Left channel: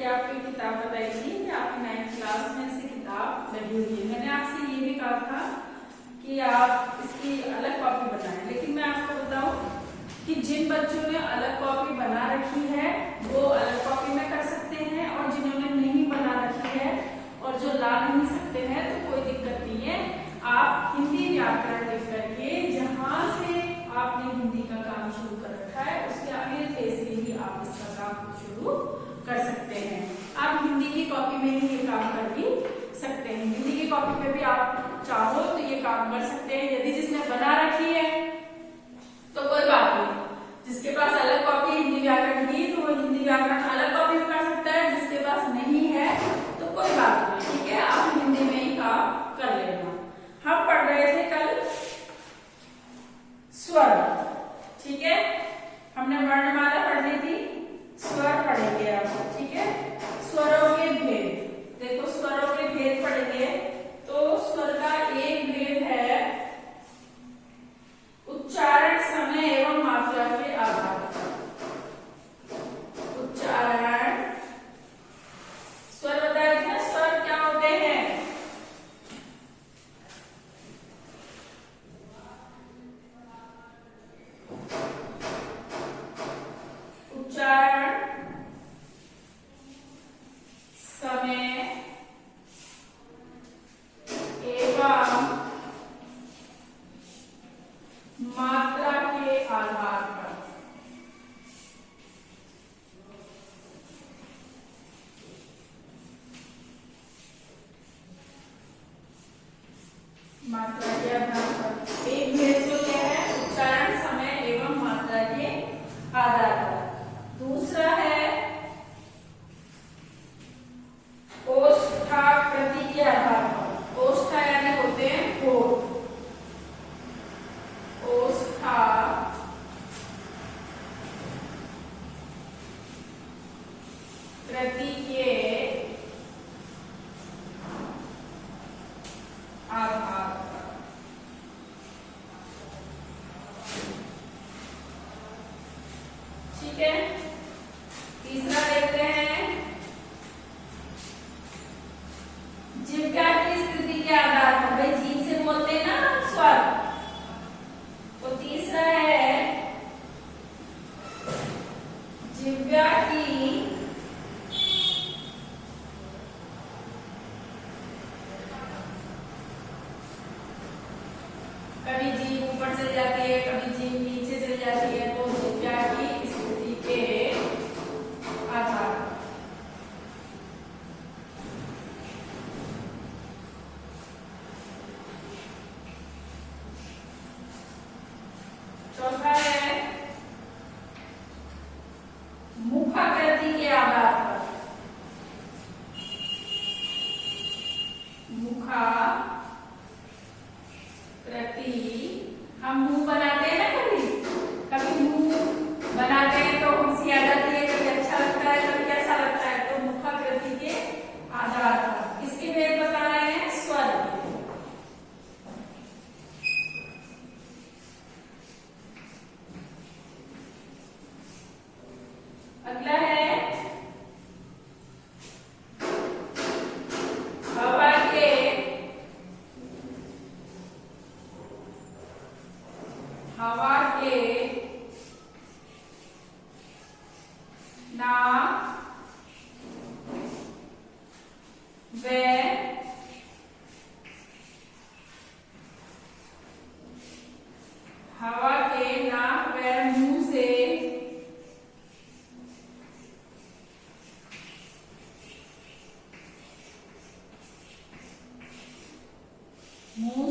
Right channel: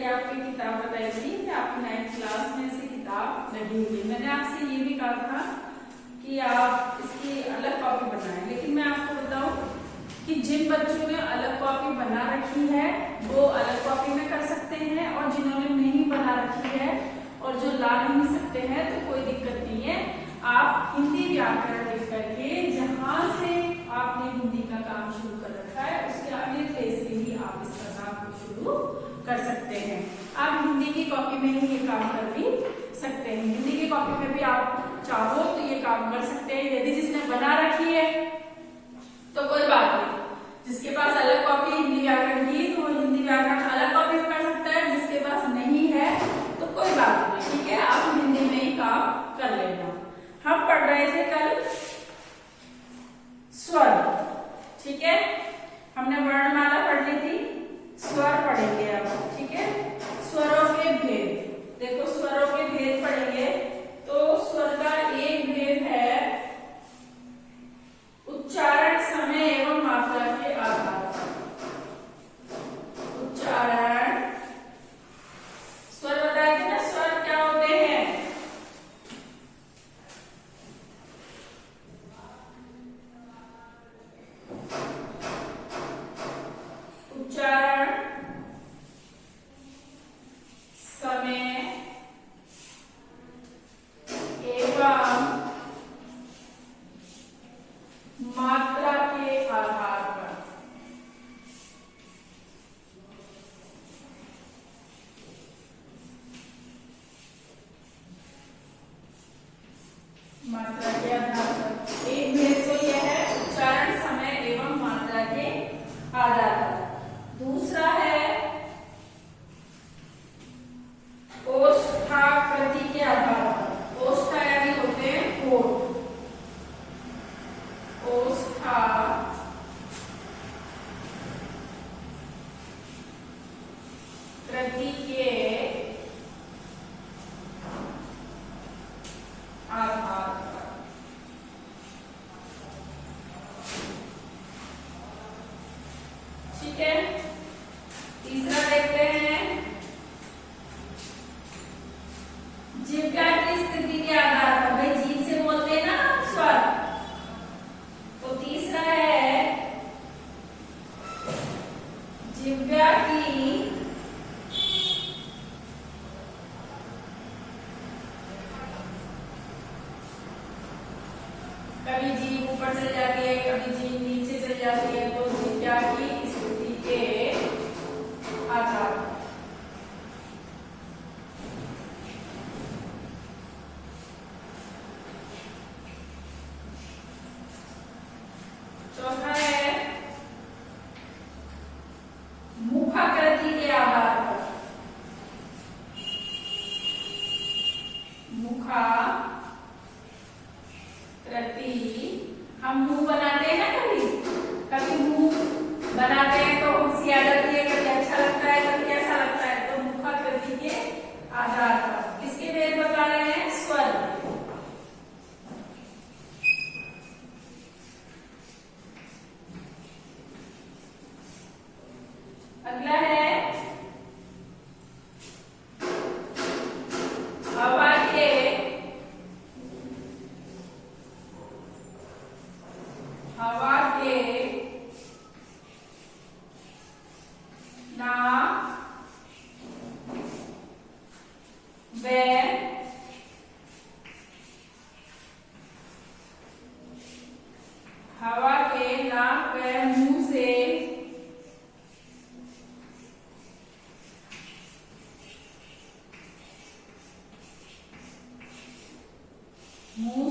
करके आपको किताब बताई थी कि आपकी 9th क्लास में से किताब लगी हुई है। मैंने आपसे ये भी कहा था कि आप इसकी अलग कॉपी बनाएं, लेकिन मैं आपको बताऊं कि जिन बच्चों ने अलग कॉपी बना रखी है वो अलग कॉपी में कर सकते हैं, और जिन्होंने नहीं बना रखी है और जो ला नहीं सकते हैं तो कोई दिक्कत नहीं है। आप हिंदी व्याकरण लिख करके जहां से आपने हिंदी का काम शुरू कर रखा है उसके अगले पेज से ही आप इसका काम शुरू कर सकते हैं। आप हिंदी की कॉपी में ही ये काम कर भी सकते हैं। हिंदी की कॉपी में भी आप चाहो तो ये काम कर सकते हैं। यदि जिसने बना रखी है तो कोई बात नहीं, जिसके पास अलग कॉपी हिंदी व्याकरण की तो वो हिंदी व्याकरण अलग कॉपी में कर सकता है। जिसके पास नहीं है तो कोई बात नहीं, ठीक है, आप हिंदी में ही काम कर लेना। हम पढ़ रहे थे कल स्वर, ठीक है, हमने वर्णमाला पढ़ ली थी, स्वर पढ़ेंगे अब, ठीक है। स्वरों के भेद, देखो स्वरों के भेद पढ़ेंगे तो स्वर का एक भेद है उच्चारण, समय एवं मात्रा के आधार पर। उच्चारण, स्वर बताए थे ना, स्वर क्या होते हैं? उच्चारण, समय एवं मात्रा के आधार पर। मात्रा के आधार पर एक भेद तो यह है उच्चारण, समय एवं मात्रा के आधार पर। दूसरा है ओष्ठाकृति के आधार पर। ओष्ठा यानी होते हैं होठ, ओष्ठा कृति के आधार पर। ठीक है, तीसरा देखते हैं जिह्वा की स्थिति के आधार पर। भाई जीभ से बोलते हैं ना स्वर, तो तीसरा है जिह्वा की कभी जीभ ऊपर चली जाती है, कभी जीभ नीचे चली जाती है, तो जिह्वा की स्थिति के आधार पर। चौथा है मुखाकृति के आधार पर। मुखाकृति, हम मुंह बनाते हैं ना, कभी मुंह बनाते हैं तो हंसी आ जाती है, कभी अच्छा लगता है, कभी कैसा लगता है, तो मुखाकृति के आधार पर। इसके भेद बता रहे हैं स्वर। अगला है हवा के नाक व हवा के नाक व मुंह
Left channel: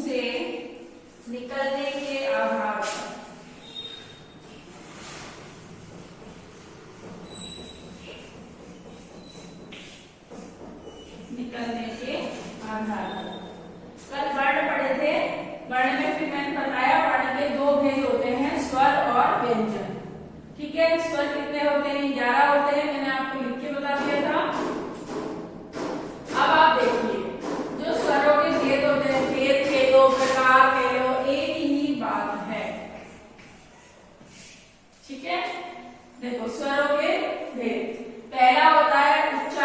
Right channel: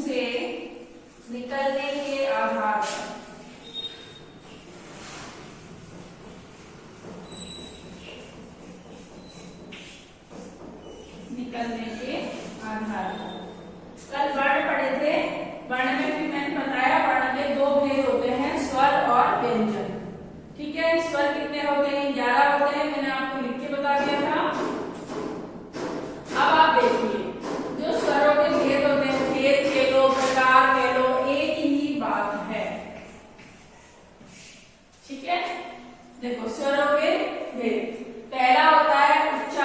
से निकलने के आधार पर। निकलने के आधार पर। कल वर्ण पढ़े थे, वर्ण में भी मैंने बताया वर्ण के दो भेद होते हैं, स्वर और व्यंजन। ठीक है, स्वर कितने होते हैं? 11 होते हैं, मैंने आपको लिख के बता दिया था। अब आप देखिए, जो स्वरों के भेद होते हैं, भेद कह लो, प्रकार कह लो, एक ही बात है। ठीक है, देखो स्वरों के भेद, पहला होता है उच्चारण।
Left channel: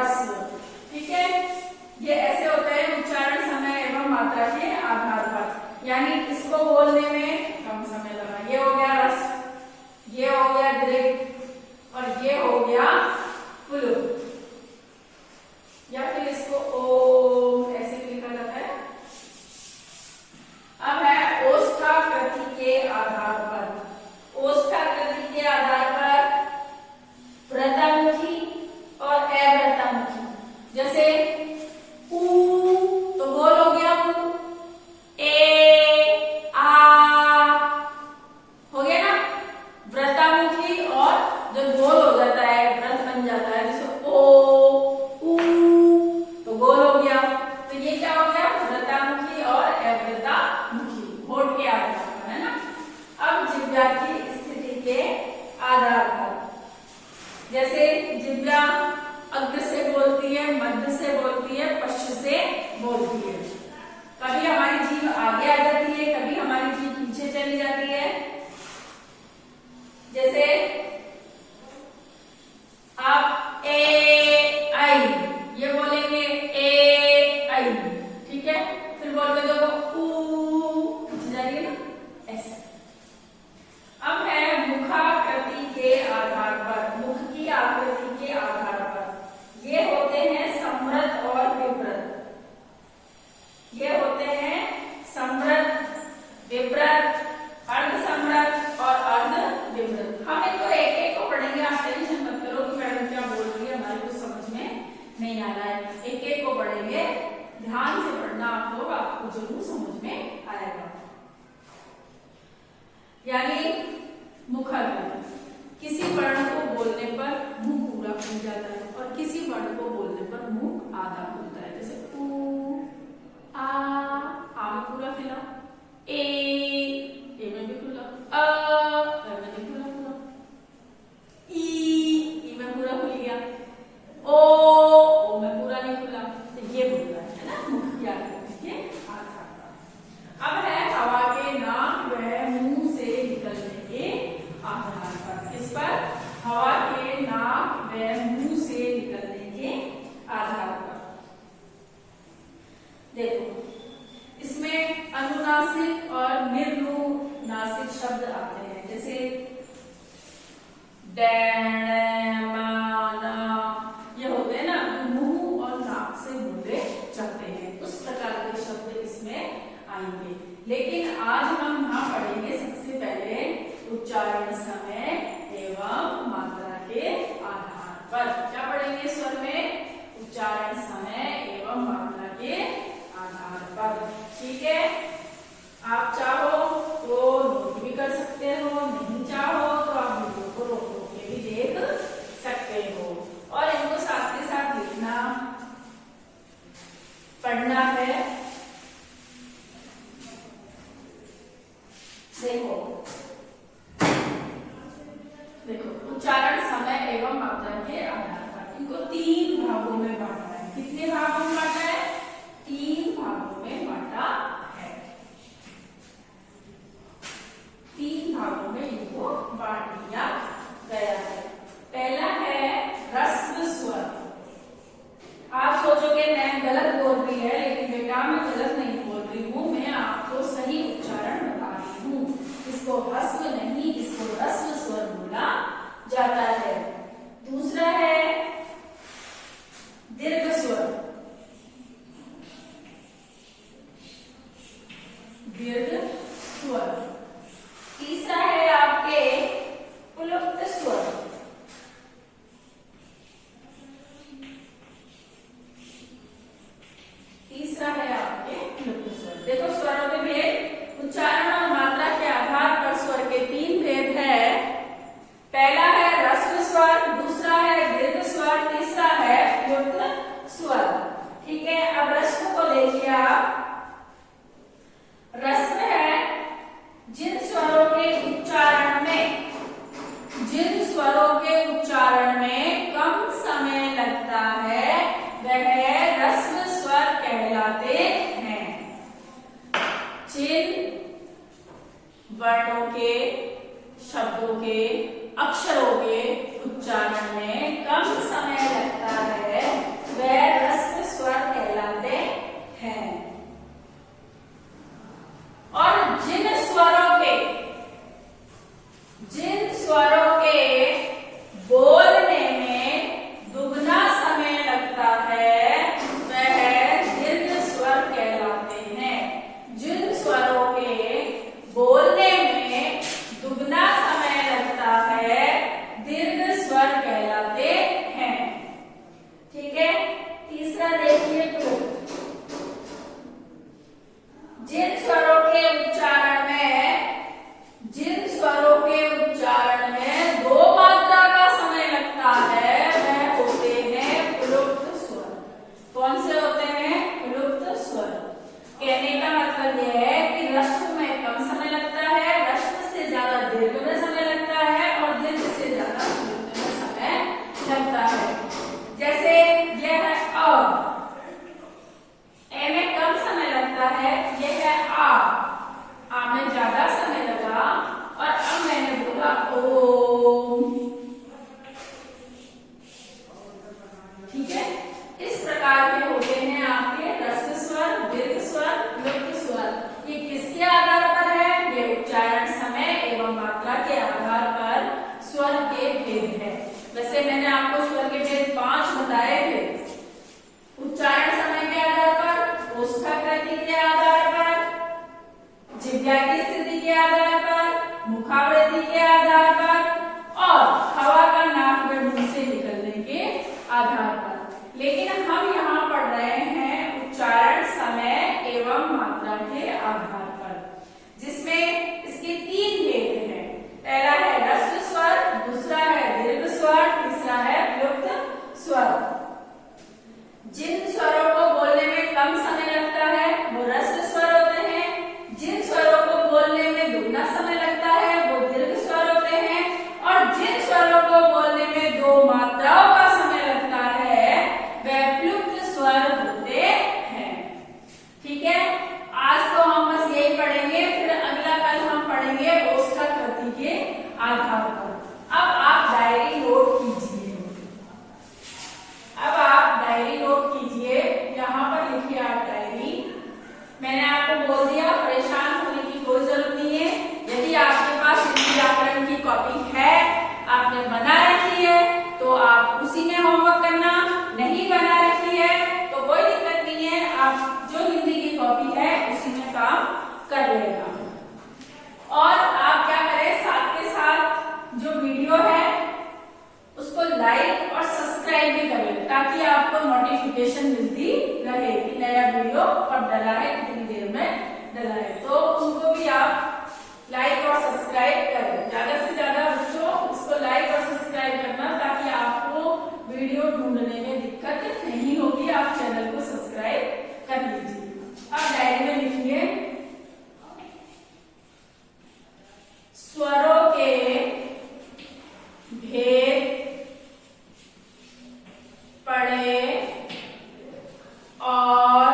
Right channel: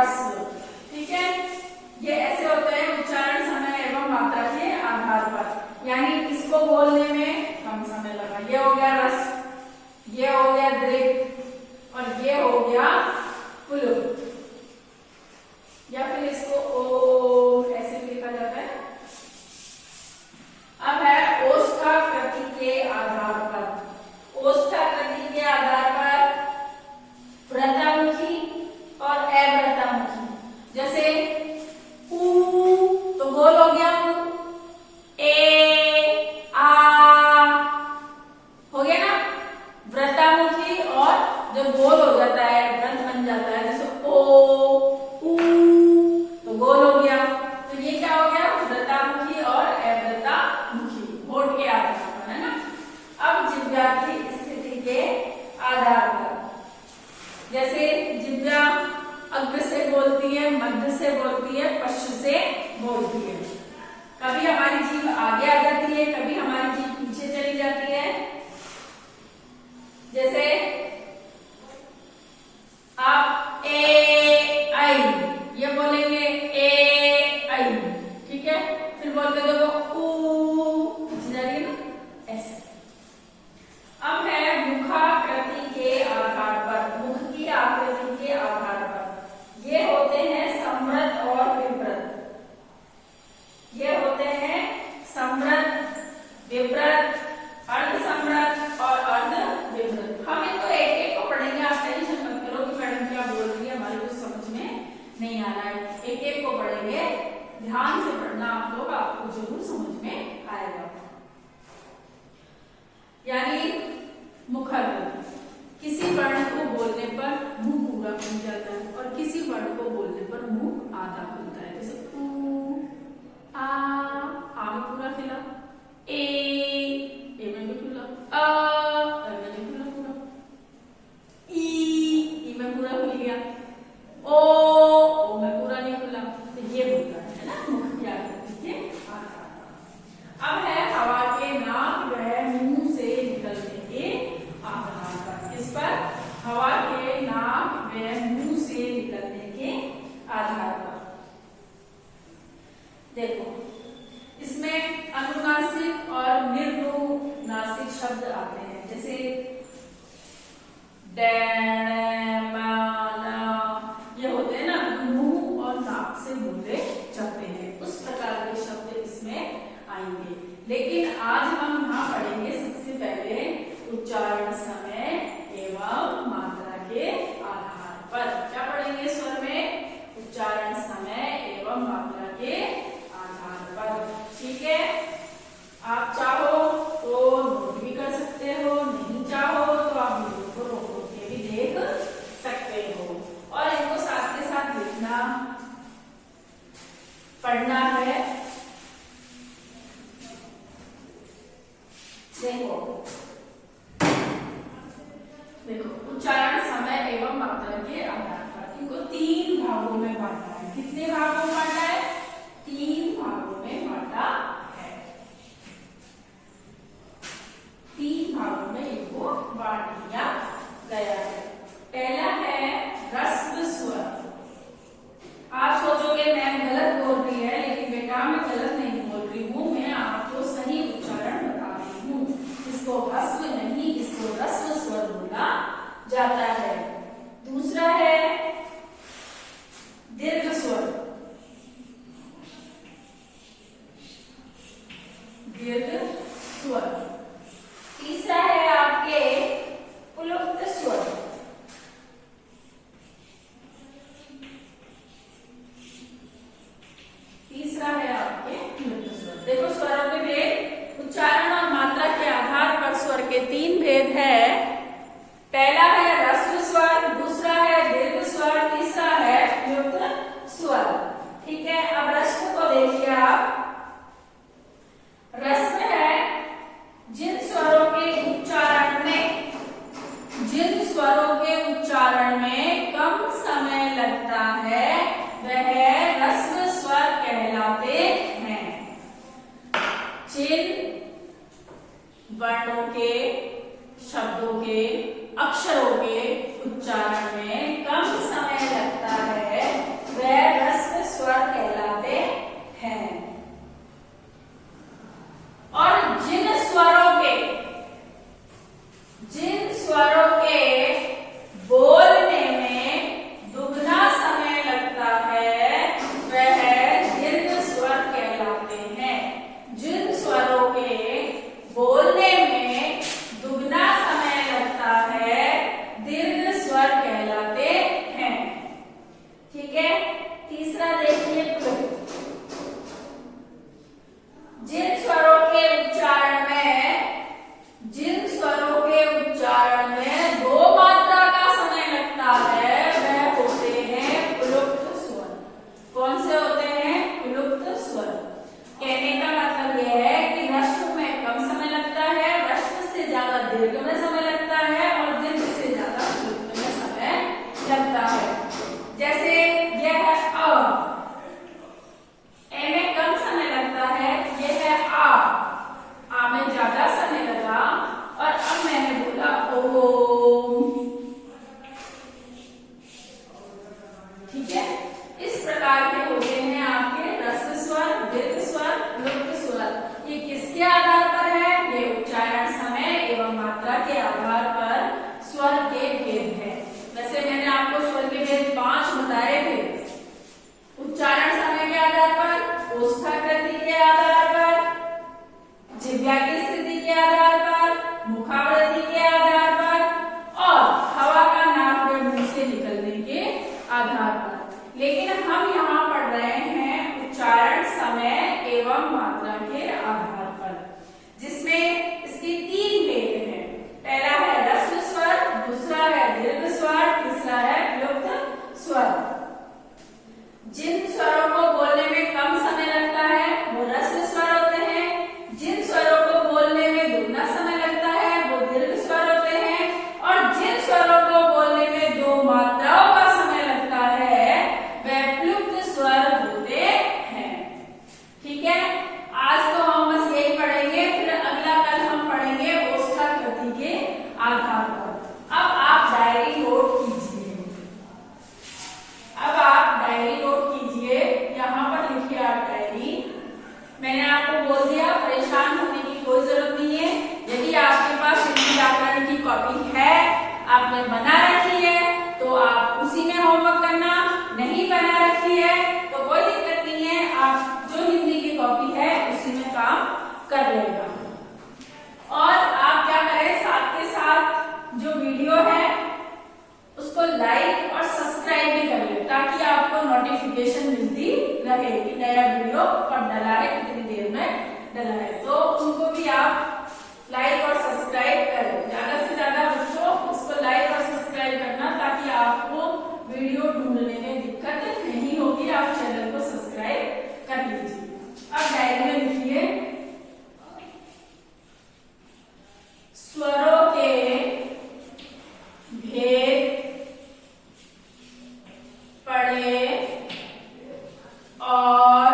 ह्रस्व। ठीक है, ये ऐसे होते हैं उच्चारण, समय एवं मात्रा के आधार पर, यानी इसको बोलने में कम समय लगा। ये हो गया ह्रस्व, ये हो गया दीर्घ और ये हो गया पुल्लिंग, या फिर इसको ओ ऐसे लिखा जाता है। अब है ओष्ठाकृति के आधार पर। ओष्ठाकृति के आधार पर वृत्तामुखी और अवृत्तामुखी। जैसे ऊ तो गोल हो गया ऊ, ए आ हो गया ना वृत्तामुखी, और जो गोल हो जाता है वृत्त बन जाता है, जैसे ओ ऊ तो गोल हो गया। तो ये क्या हो गया, वृत्तामुखी और अवृत्तामुखी, होठ के आधार पर, है ना। अब जिह्वा की स्थिति के आधार पर, जैसे जिह्वा अग्र से बोलती है, मध्य से बोलती है, पश्च से बोलती है। कभी हमारी जीभ आगे आ जाती है, कभी हमारी जीभ पीछे चली जाती है। जैसे आप ए आई ये बोलेंगे, ए आई, ठीक है। फिर बोलते देखो ऊ जाइए ना, ऐसे। अब है मुखाकृति के आधार पर। मुख की आकृति के आधार पर ये होते हैं समृद्ध और विवृत। ये होते हैं समृद्ध, विवृत, अर्ध समृद्ध और अर्ध विवृत। हम इनको एक एक को पढ़ेंगे, आप टेंशन मत करो कि मैडम क्या बोल रही है, हमारे को समझ में नहीं आ रहा है। एक एक को पढ़ेंगे, ध्यान से पढ़ना आप लोग, आपको जरूर समझ में आएगा। यानी मुखाकृति, किसी वर्ण को बोलने पर मुंह पूरा खुल जाता है और किसी वर्ण को बोलने पर मुंह आधा खुलता है। जैसे ऊ आ में पूरा खिला, ए में भी खुला, अ में नहीं खुला पूरा, ई में पूरा खुल गया, ओ में पूरा नहीं खुला। तो ये बोलता है ना मुख याद रखिए आधार। अब है हवा के नाक व मुंह से निकलने के आधार पर। इस पर हवा के नाक व मुंह से निकलने के आधार पर देखो, इसमें अनुनासिक और निर्नुनासिक शब्द आते हैं। जैसे ये होते हैं ना, जो मुंह और नाक से बोले जाते हैं, उस प्रकार के शब्द इसमें आएंगे। लेकिन आज हम यहाँ पढ़ेंगे सबसे पहले उच्चारण, समय एवं मात्रा के आधार पर। क्या पढ़ेंगे स्वर में? उच्चारण, समय एवं मात्रा के आधार पर। ठीक है, आप चाहो तो नोट भी कर सकते हो, नहीं चाहो तो आप वीडियो को रोक रोक के भी देख सकते हो, और इनको साथ के साथ लिखना पढ़ना है। देखो उच्चारण, समय एवं मात्रा के आधार पर इनको 3 भागों में बांटा है। कितने भागों में बांटा है? 3 भागों में बांटा है। 3 भागों में इनको बांट दिया गया है। पहला है ह्रस्व स्वर। आप सोचोगे मैम गलत बोल रही है, लेकिन बेटा मैं गलत नहीं बोल रही हूँ, मैं आपको सही उच्चारण बता रही हूँ। इसको ह्रस्व नहीं, इसको ह्रस्व स्वर बोला जाता है। दूसरा है दीर्घ स्वर। दीर्घ स्वर। तीसरा है आपके पुल्लिंग स्वर। तीसरा है आपके पुल्लिंग स्वर। देखो स्वरों के भेद, उच्चारण और मात्रा के आधार पर स्वर के 3 भेद है। पहला है ह्रस्व स्वर, दूसरा है दीर्घ स्वर, तीसरा है पुल्लिंग स्वर। ठीक है, अब ह्रस्व को देखिए आप। ह्रस्व है जिन स्वरों के उच्चारण में कम समय लगता है वह ह्रस्व स्वर कहलाते हैं। जिन वर्णों के, शब्दों के, अक्षरों के उच्चारण में कम समय लगता है जिन स्वरों के बोलने में दुगना समय लगता है वह दीर्घ स्वर कहलाते हैं। जिन स्वरों के बोलने में दुगना समय लगता है दीर्घ स्वर कहलाते हैं। ठीक है, तीसरा देखिए जिन स्वरों के उच्चारण में दो मात्रा का समय लगता है वह होते हैं प्लुप्त स्वर। कौन से होते हैं? प्लुप्त स्वर। कहने का मतलब यह है कि ह्रस्व में कम समय लगता है, ह्रस्व से ज्यादा दीर्घ में समय लगता है और दीर्घ से ज्यादा प्लुप्त में समय लगता है। जैसे यह है अ, ए में कम समय लगता है, यह है आ में ज्यादा समय लगा और अब मैंने बोला ओम। ठीक है, इस प्रकार के होते हैं आपके ह्रस्व स्वर, दीर्घ स्वर, प्लुप्त स्वर। ये किसके आधार पर है? ये उच्चारण समय एवं मात्रा के आधार पर स्वर के भेद है। वैसे मैंने आपको स्वर के भेद 5 बताए थे। उच्चारण समय के आधार पर, ओष्ठकृति के आधार पर, जिह्वा की स्थिति के आधार पर, मुखावृत्ति के आधार पर और हवा का नाक में मुंह से निकलने के आधार पर। लेकिन हम यहाँ पढ़ रहे हैं उच्चारण समय एवं मात्रा के आधार पर, जिसमें इसके 3 भेद हैं। पहला है ह्रस्व स्वर, दूसरा है दीर्घ स्वर, तीसरा है प्लुप्त स्वर। जिन स्वरों को बोलने में कम समय लगता है वो ह्रस्व स्वर होते हैं। जिन स्वरों को बोलने में दुगना समय लगता है वो दीर्घ स्वर होते हैं और जिन स्वरों को बोलने में 2 मात्राओं का समय लगता है वह प्लुप्त स्वर होते हैं। ठीक है, आज तो हम बस यही पढ़ेंगे, फिर अगला कल हम पढ़ेंगे ओष्ठकृति के आधार पर। अब आप डायरी नोट कीजिए। अब आप डायरी नोट कीजिए, यहाँ पर लिखिए आप डायरी। मैंने आपको बोल दिया परेशान होने की कोई जरूरत नहीं है। यदि आपके पास हिंदी व्याकरण की कॉपी है, आपने बना रखी है तो आप उसी में होमवर्क करना, नहीं बना रखी है तो कोई दिक्कत नहीं है, आप जो हिंदी की कॉपी है उसी में काम कर लेगा। और आप क्या करें, साथ के साथ जो वीडियो है उसको लाइक और सब्सक्राइब भी कर लें ताकि आपको नोटिफिकेशन मिलती रहे कि नया वीडियो कब डला है, कितनी देर में डला है। तो उनको भी आप लाइक और सब्सक्राइब करें। ज्यादा से ज्यादा बच्चों उसको लाइक और सब्सक्राइब करना ताकि आपको वीडियो ढूंढने में दिक्कत नहीं होगी। आप चैनल को सब्सक्राइब कर लीजिए। अब डायरी में लिखिए स्वरों के भेद पढ़े और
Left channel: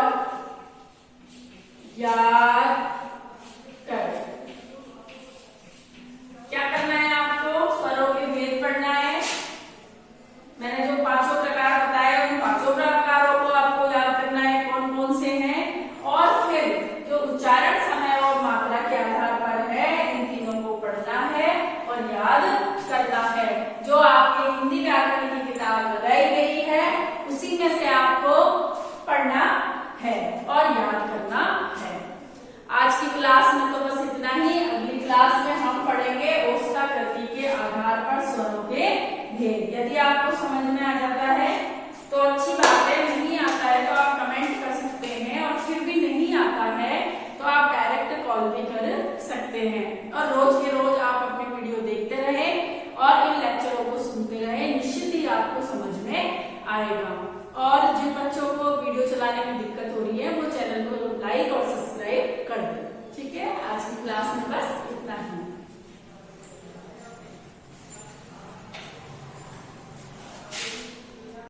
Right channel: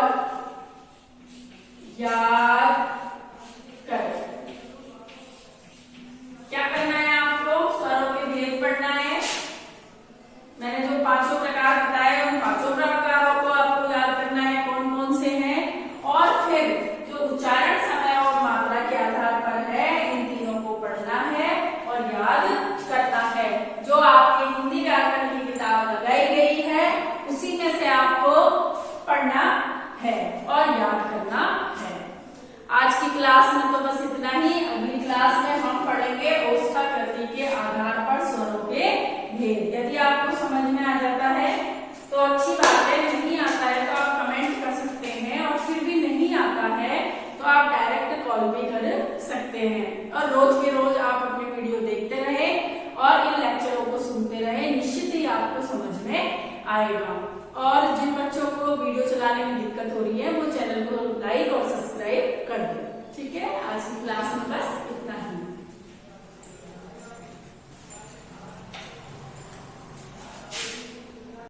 याद करें। क्या करना है आपको? स्वरों के भेद पढ़ना है। मैंने जो 5 प्रकार बताए उन 5 प्रकारों को आपको याद करना है, कौन कौन से हैं। और फिर जो उच्चारण समय और मात्रा के आधार पर है इन तीनों को पढ़ना है और याद करना है। जो आपके हिंदी व्याकरण की किताब लगाई गई है उसी में से आपको पढ़ना है और याद करना है। आज की क्लास में तो बस इतना ही। अगली क्लास में हम पढ़ेंगे ओष्ठकृति के आधार पर स्वरों के भेद। यदि आपको समझ में आ जाता है तो अच्छी बात है, नहीं आता है तो आप कमेंट कर सकते हैं और फिर भी नहीं आता है तो आप डायरेक्ट कॉल भी कर सकते हैं। और रोज के रोज आप अपनी वीडियो देखते रहे और इन लेक्चरों को सुनते रहे, निश्चित ही आपको समझ में आएगा। और जिन बच्चों को वीडियो चलाने में दिक्कत हो रही है वो चैनल को लाइक और सब्सक्राइब कर दें। ठीक है, आज की क्लास में बस इतना ही।